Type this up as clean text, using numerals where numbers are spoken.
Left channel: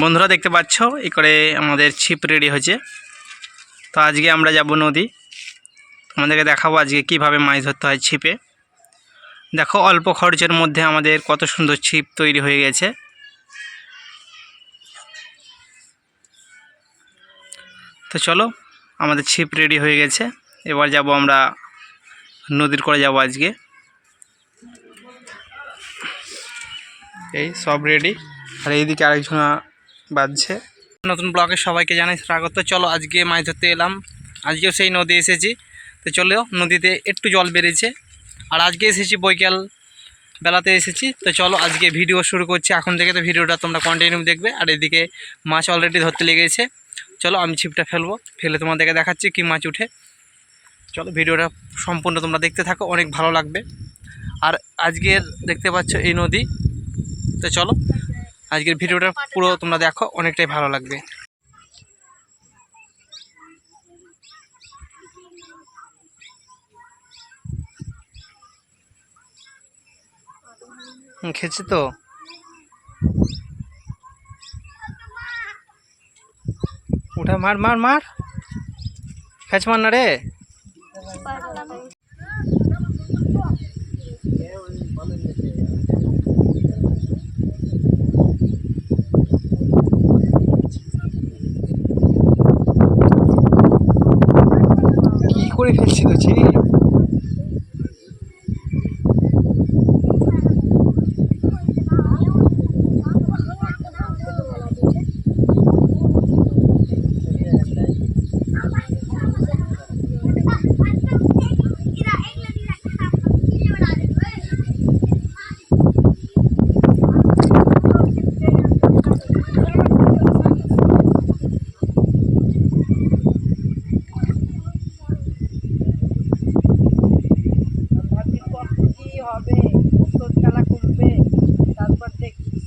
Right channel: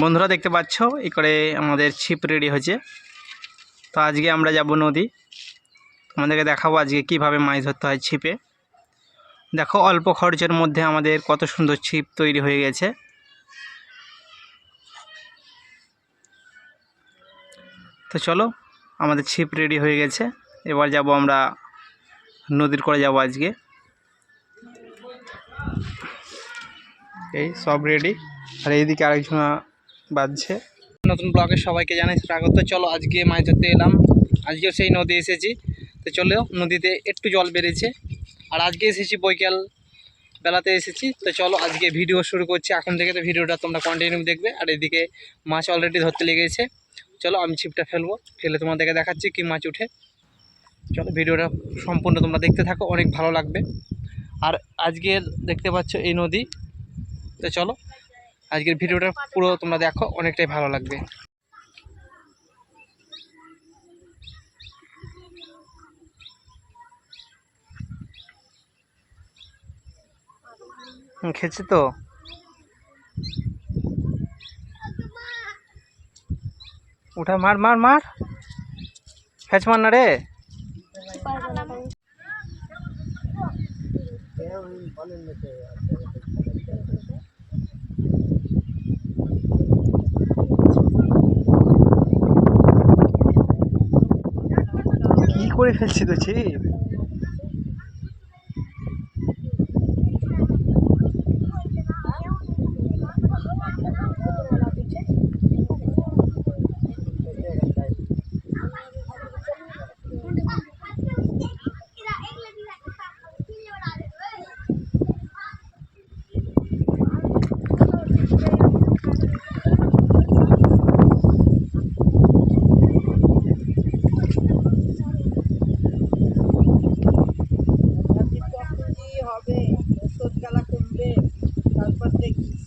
বন্ধুরা দেখতে পাচ্ছ এই করে আমাদের ছিপ রেডি হয়েছে। তো আজকে আমরা যাব নদী, তোমাদেরকে দেখাবো আজকে কিভাবে মাছ ধরতে হয় ছিপে। দেখো অল্প খরচের মধ্যে আমাদের কত সুন্দর ছিপ তৈরি হয়ে গেছে। তো চলো, আমাদের ছিপ রেডি হয়ে গেছে, এবার যাব আমরা নদীর করে যাব আজকে। এই সব রেডি, আর এইদিকে আরেকজন বাজছে। নতুন ব্লগে সবাইকে জানাই স্বাগত। চলো আজকে মাছ ধরতে এলাম, আজকেও সেই নদী এসেছি। তো চলো, নদীতে একটু জল বেড়েছে, আর আজকে এসেছি বৈকাল বেলাতে এসেছি। তো চলো আজকে ভিডিও শুরু করছি এখন থেকে। তো ভিডিওটা তোমরা কন্টিনিউ দেখবে। আর এদিকে মাছ অলরেডি ধরতে লেগেছে। চলো আমি ছিপটা ফেলে তোমাদেরকে দেখাচ্ছি কি মাছ উঠে। চলো ভিডিওটা সম্পূর্ণ তোমরা দেখতে থাকো, অনেক ভালো লাগবে। আর আজকের দেখতে পাচ্ছ এই নদী। তো চলো আজকের ভিডিওটা পুরো তোমরা দেখো, অনেকটাই ভালো লাগবে। খেয়েছে তো উঠা, মার মার মার, খেচ মার না রে। কি করে ফেলছি তো ছিপ। হবে ওষুধ কালা করবে, তারপর দেখিস।